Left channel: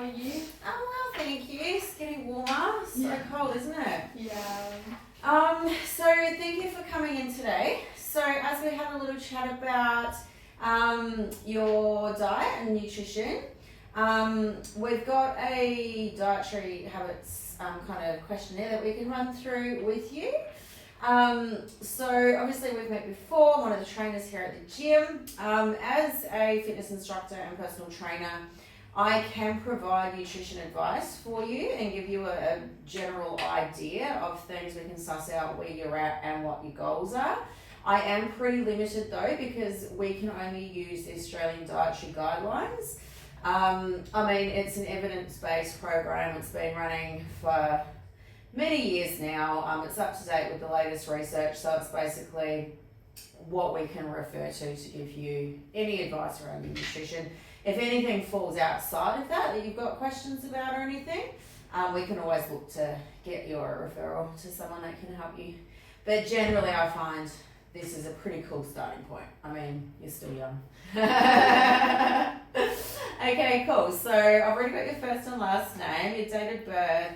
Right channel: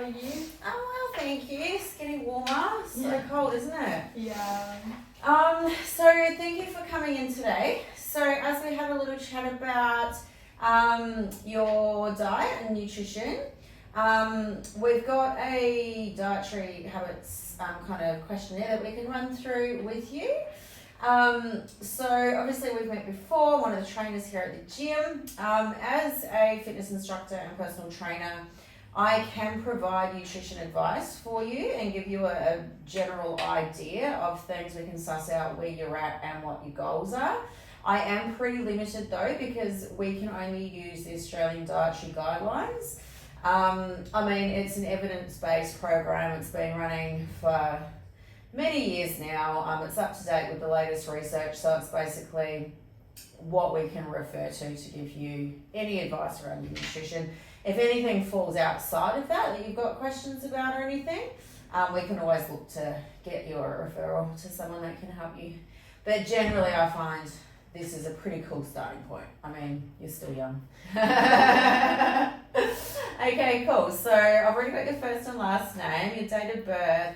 How are you? I'm well, thank you. It's getting warmer. So cold, isn't it? Yeah. So thank you for coming in today. So as we have a little chat about your diet and nutrition, we've got a dietary habits kind of questionnaire that we can run through with you. So obviously we've met before. I'm one of the trainers here at the gym. As a fitness instructor and personal trainer, I can provide nutrition advice for you and give you a general idea of things. We can suss out where you're at and what your goals are. I am pretty limited though, because we can only use the Australian Dietary Guidelines. I mean, it's an evidence-based program. It's been running for many years now. It's up to date with the latest research, so it's basically what we can refer to give you any advice around your nutrition. If anything falls outside of that you've got questions about or anything, we can always look to get your referral to someone that can help you. But generally I find this is a pretty cool starting point. I mean, you're still young. Okay, cool. So I've already got your first and last name, your date of birth.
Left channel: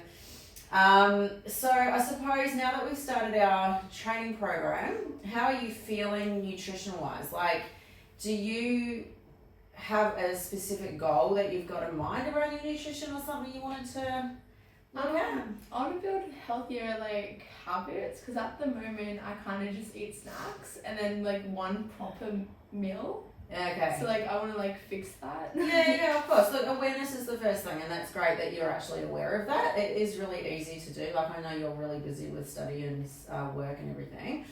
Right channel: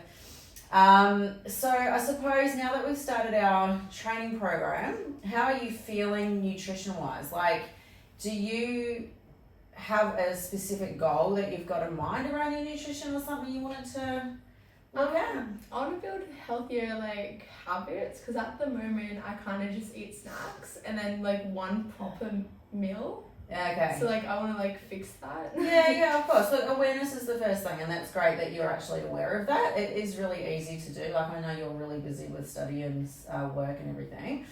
So I suppose now that we've started our training program, how are you feeling nutrition-wise? Like, do you have a specific goal that you've got in mind around your nutrition or something you wanted to look at? I want to build healthier habits, because at the moment I kind of just eat snacks and then one proper meal. Okay. So I want to fix that. Yeah, of course. Look, awareness is the first thing, and that's great that you're actually aware of that. It is really easy to do. I know you're really busy with study and work and everything.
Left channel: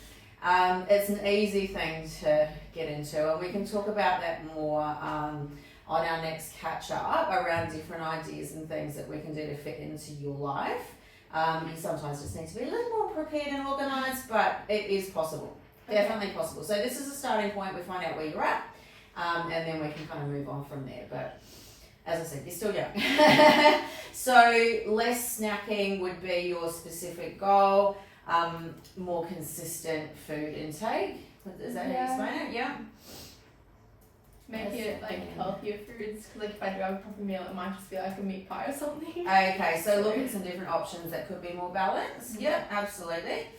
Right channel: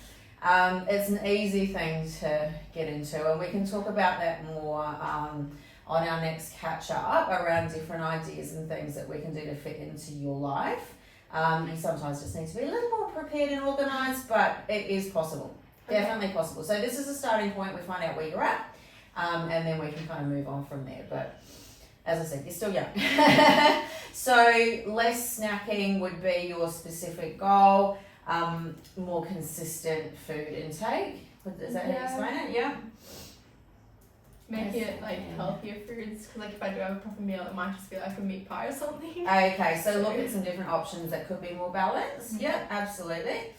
It's an easy thing to get into, and we can talk about that more on our next catch up around different ideas and things that we can do to fit into your life. You sometimes just need to be a little more prepared and organised, but it is possible. Okay. Definitely possible. So this is a starting point. We find out where you're at, and then we can kind of move on from there. But as I said, you're still young. So less snacking would be your specific goal. More consistent food intake. Is that how you explain it? Yeah. Make it healthier foods, because if I do have a proper meal, it might just be a meat pie or something. Okay, so look at some different options that could be more balanced. Yeah, absolutely.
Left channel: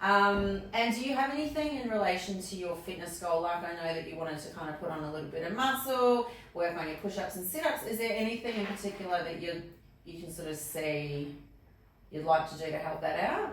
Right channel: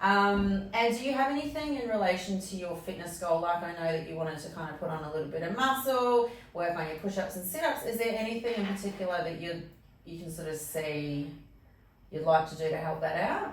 And do you have anything in relation to your fitness goal? I know that you wanted to kind of put on a little bit of muscle, work on your push-ups and sit-ups. Is there anything in particular that you can sort of see you'd like to do to help that out?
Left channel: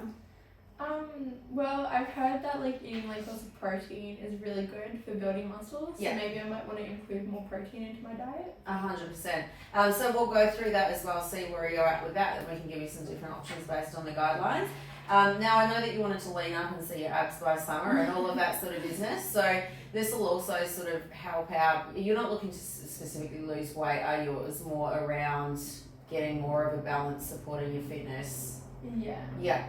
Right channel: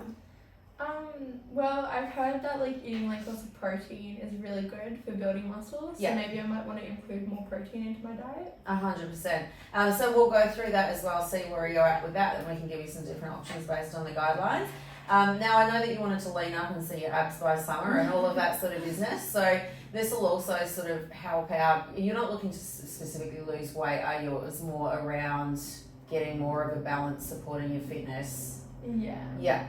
Well, I've heard that eating lots of protein is really good for building muscles. Yeah. So maybe I might want to include more protein into my diet. 100%. So we'll go through that as well, see where you're at with that, and we can give you some different options based on the guidelines. Now I know that you wanted to lean up and see your abs by summer and all of that sort of business. So this will also sort of help out. You're not looking to specifically lose weight, are you? It was more around getting more of a balance, supporting your fitness. Yeah. Yeah.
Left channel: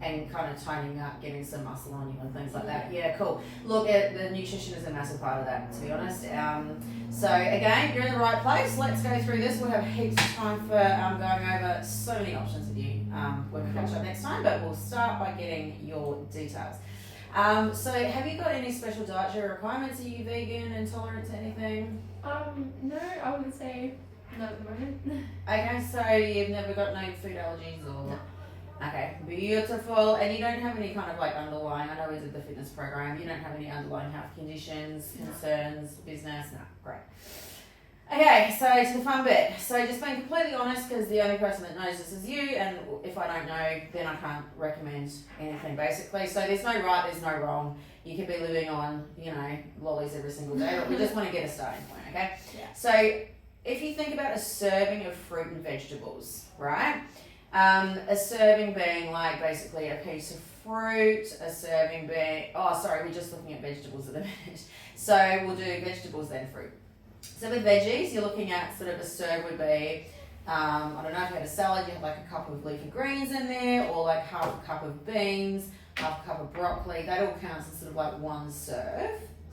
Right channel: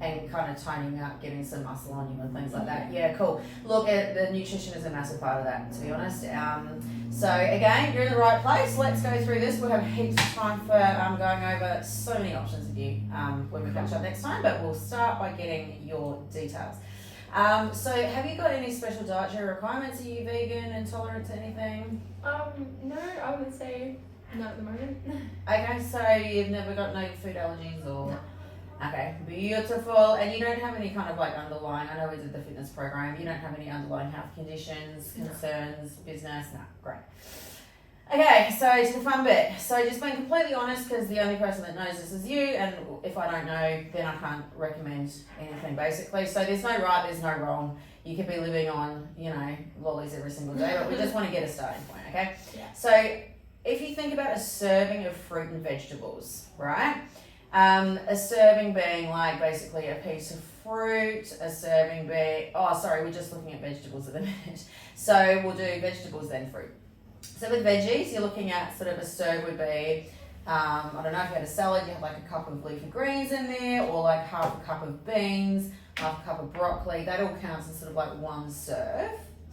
And kind of toning up, getting some muscle on you and things like that. Yeah, cool. Look, the nutrition is a massive part of that, to be honest. So again, you're in the right place. Let's go through this. We'll have heaps of time for going over so many options with you when we catch up next time, but we'll start by getting your details. So have you got any special dietary requirements? Are you vegan, intolerant to anything? No, I wouldn't say not at the moment. Okay, so you've never got no food allergies or... No. Okay, beautiful. And you don't have any kind of underlying, I know we did the fitness program, you don't have any underlying health conditions, concerns, business? No, great. Okay, so to the fun bit. So just being completely honest, because the only person that knows this is you, and if I don't know, then I can't recommend anything basically. So there's no right, there's no wrong. You could be living on, lollies every single day, but we just want to get a starting point, okay? Yeah. So if you think about a serving of fruit and vegetables, right? A serving being basically a piece of fruit, a serving being, we're just looking at vegetables at the minute. So we'll do vegetables then fruit. So with veggies, you're looking at sort of a serve would be, I don't know, if you had a salad, you had a cup of leafy greens in there, or half a cup of beans, half a cup of broccoli. That all counts as sort of one serve.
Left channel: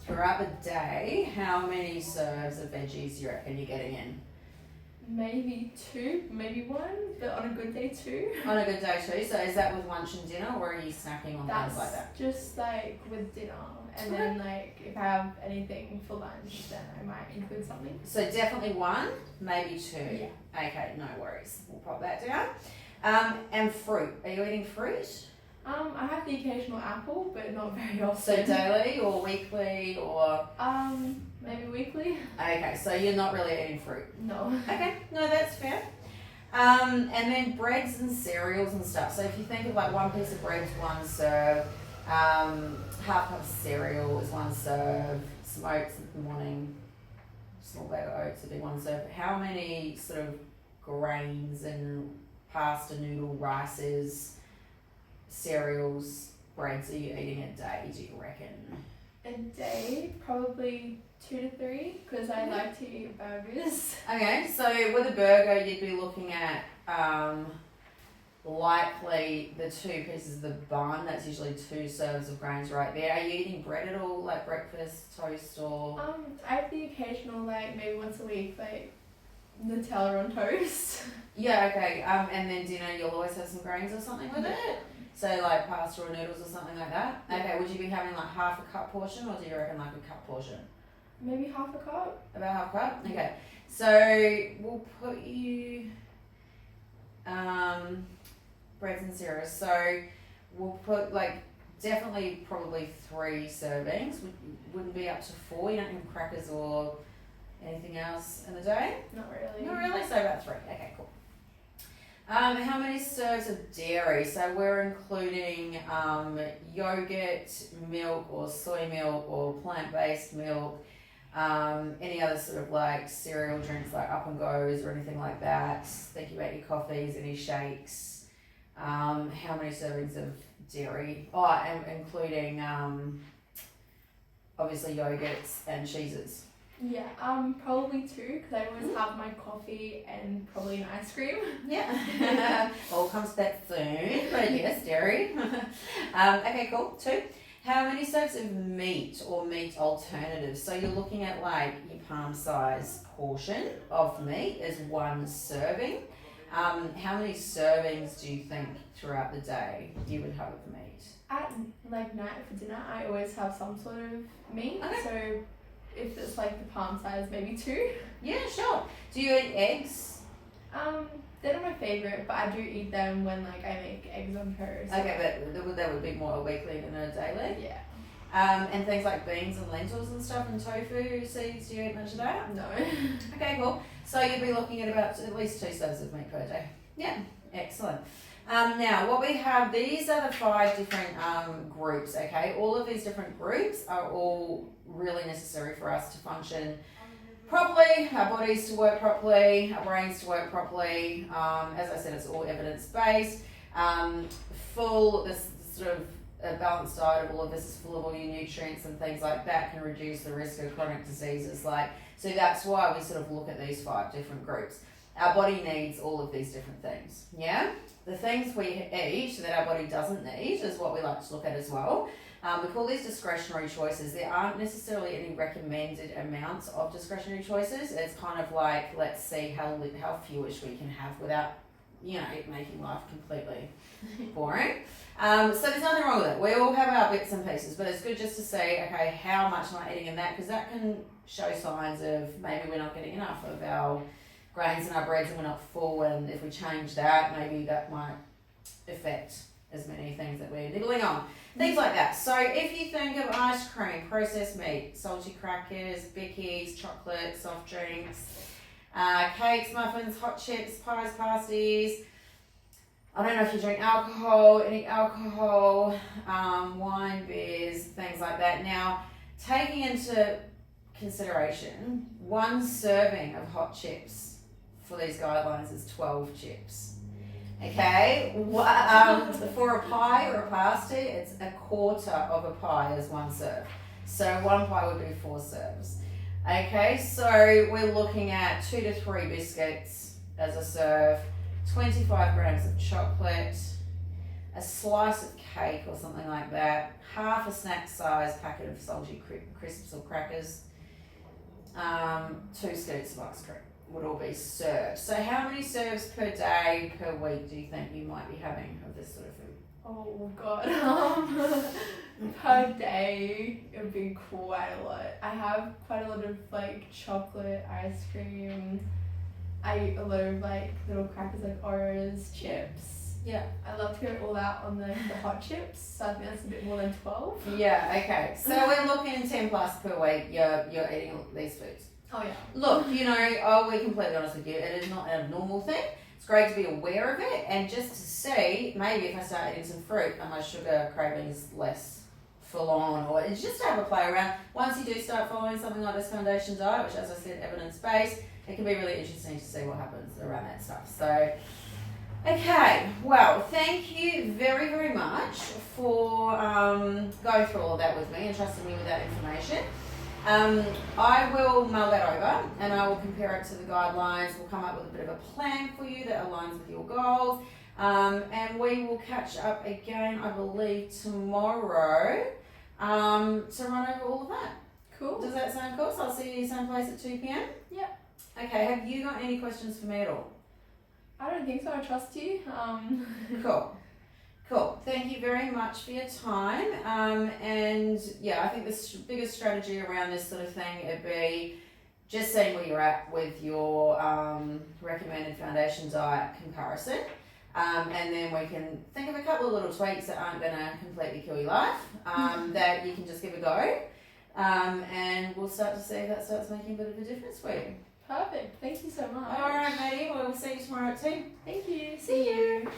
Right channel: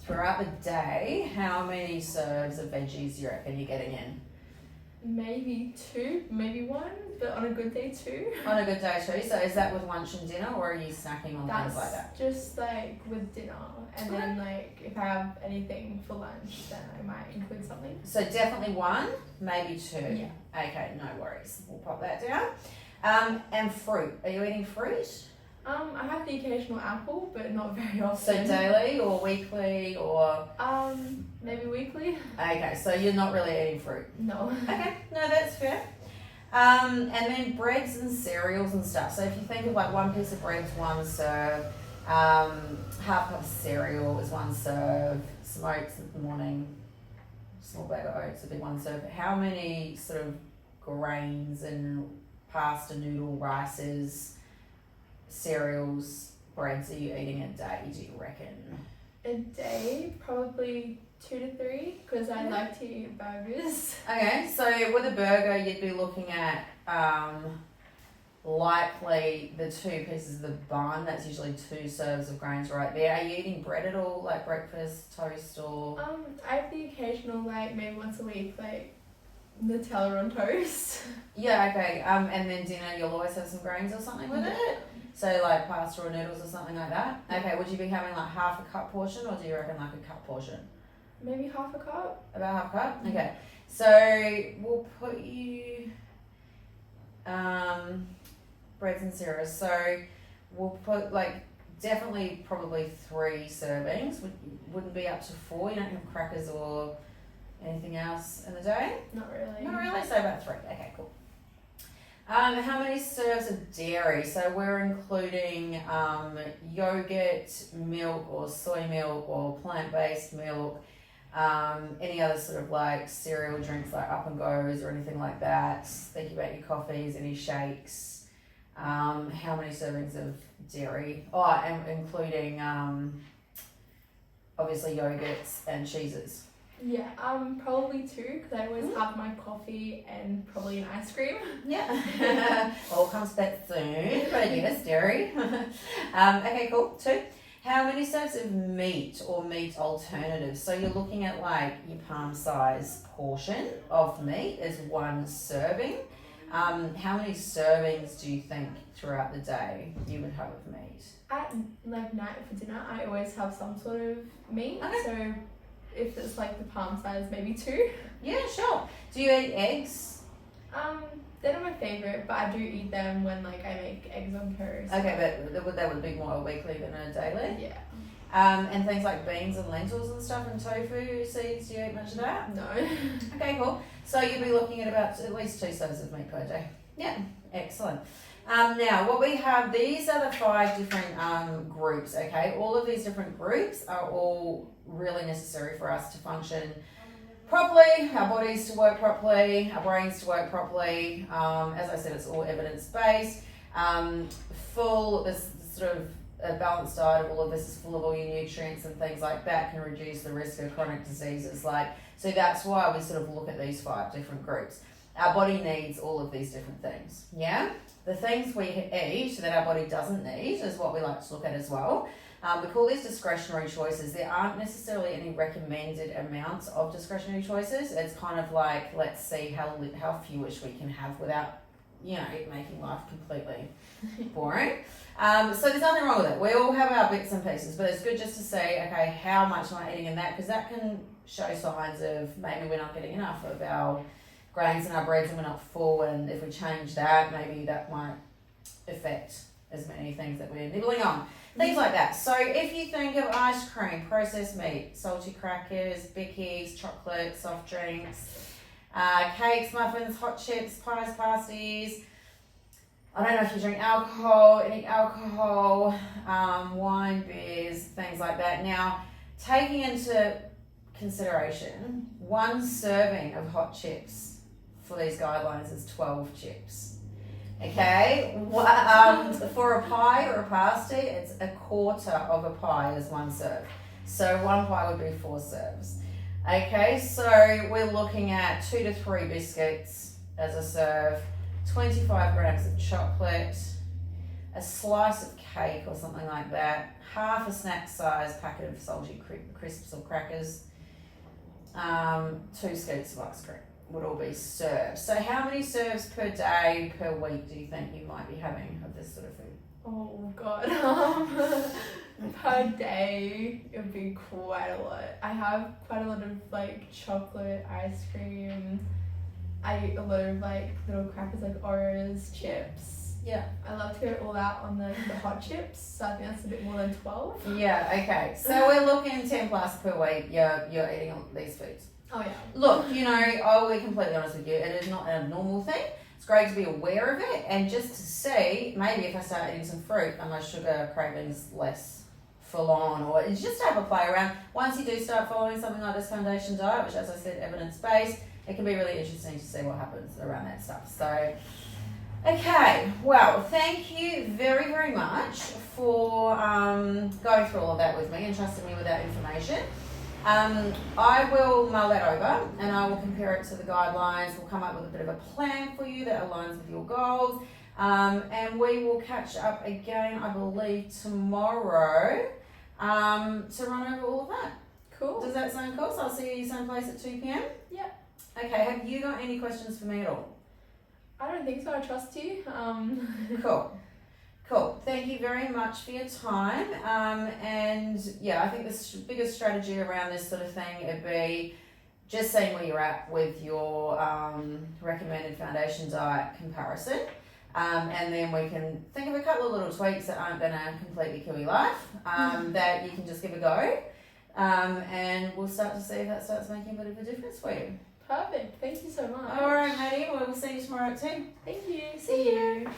Throughout the day, how many serves of veggies do you reckon you're getting in? Maybe 2, maybe 1, but on a good day 2. On a good day 2, so is that with lunch and dinner, or are you snacking on things like that? Just with dinner, and then if I have anything for lunch, then I might include some something. So definitely one, maybe two. Yeah. Okay, no worries. We'll pop that down. And fruit. Are you eating fruit? I have the occasional apple, but not very So often. daily or weekly or? Maybe weekly. Okay, so you're not really eating fruit. No. Okay, no, that's fair. And then breads and cereals and stuff. So if you think of like one piece of bread is one serve, half cup of cereal is one serve, some oats in the morning, small bag of oats would be one serve. How many sort of grains and pasta, noodle, rices, cereals, breads are you eating a day, do you reckon? A day, probably 2 to 3, because I like to eat burgers. Okay, so with a burger, you'd be looking at likely the 2 pieces of the bun. That's usually 2 serves of grains right there. Are you eating bread at all, like breakfast, toast, or? I have the occasional, like maybe once a week, like Nutella on toast. Yeah, okay. And then dinner, you'll always have some grains or something with it. So like pasta or noodles or something like that. Okay, would you be having like half a cup portion, or do you reckon like a cup portion? Maybe half a cup. About half a cup? Okay. So we'll put you breads and cereals. So we'll put like definitely probably 3 servings. Wouldn't be up to 4. You don't have crackers or anything else in the day? Not really. Not really, so about 3. Okay, cool. How many serves of dairy? So we're including yogurt, milk or soy milk or plant-based milk, any other sort of like cereal drinks like Up and Goes or anything like that. Thinking about your coffees, any shakes. How many servings of dairy? Oh, and including obviously yogurts and cheeses. Yeah, probably 2, because I always have my coffee and probably an ice cream. Yeah. All comes back soon, but yes, dairy. Okay, cool. 2. How many serves of meat or meat alternatives? So you're looking at like your palm size portion of meat is 1 serving. How many servings do you think throughout the day you would have of meat? At like night for dinner, I always have some sort of meat. Okay. So if it's like the palm size, maybe 2. Yeah, sure. Do you eat eggs? They're not my favourite, but I do eat them when like I make eggs on toast. Okay, but that would be more a weekly than a daily? Yeah. And things like beans and lentils and stuff and tofu seeds, do you eat much of that? No. Okay, cool. So you'd be looking at about at least 2 serves of meat per day. Yeah, excellent. Now, what we have, these are the 5 different groups, okay? All of these different groups are all really necessary for us to function properly, our bodies to work properly, our brains to work properly. As I said, it's all evidence-based. This sort of a balanced diet of all of this is full of all your nutrients and things like that can reduce the risk of chronic diseases. So that's why we sort of look at these 5 different groups. Our body needs all of these different things, yeah? The things we eat that our body doesn't need is what we like to look at as well. We call these discretionary choices. There aren't necessarily any recommended amounts of discretionary choices. It's kind of like, let's see how fewish we can have without, making life completely boring. So there's nothing wrong with it. We all have our bits and pieces, but it's good just to say, okay, how much am I eating in that? Because that can show signs of maybe we're not getting enough of our grains and our breads and we're not full, and if we change that, maybe that might affect as many things that we're nibbling on. Things like that. So if you think of ice cream, processed meat, salty crackers, bickies, chocolate, soft drinks, cakes, muffins, hot chips, pies, pasties, I don't know if you drink alcohol, any alcohol, wine, beers, things like that. Now, taking into consideration, 1 serving of hot chips for these guidelines is 12 chips. Okay, for a pie or a pasty, it's 1/4 of a pie is 1 serve. So 1 pie would be 4 serves. Okay, so we're looking at 2 to 3 biscuits as a serve, 25 grams of chocolate, a slice of cake or something like that, half a snack size packet of salty crisps or crackers, 2 scoops of ice cream would all be served. So how many serves per day, per week do you think you might be having of this sort of food? Oh God. Per day, it would be quite a lot. I have quite a lot of like chocolate, ice cream. I eat a lot of like little crackers like Oreos, chips. Yeah. I love to go all out on the hot chips, so I think that's a bit more than 12. Yeah, okay. So we're looking 10 plus per week. You're eating all these foods. Oh yeah. Look, I'll be completely honest with you. It is not an abnormal thing. It's great to be aware of it and just to see maybe if I start eating some fruit, are my sugar cravings less full on, or it's just to have a play around. Once you do start following something like this foundation diet, which as I said, evidence based, it can be really interesting to see what happens around that stuff. So. Okay, well, thank you very, very much for going through all of that with me and trusting me with that information. I will mull that over and I will compare it to the guidelines. We'll come up with a bit of a plan for you that aligns with your goals. And we will catch up again, I believe, tomorrow to run over all of that. Cool. Does that sound cool? So I'll see you someplace at 2 p.m? Yeah. Okay, have you got any questions for me at all? I don't think so. I trust you. Cool. Thank you very much for your time. And yeah, I think the biggest strategy around this sort of thing would be just seeing where you're at with your recommended foundation diet comparison. And then we can think of a couple of little tweaks that aren't going to completely kill your life, that you can just give a go. And we'll start to see if that starts making a bit of a difference for you. Perfect. Thank you so much. All right, Maddie. Well, we'll see you tomorrow at 10. Thank you. See you.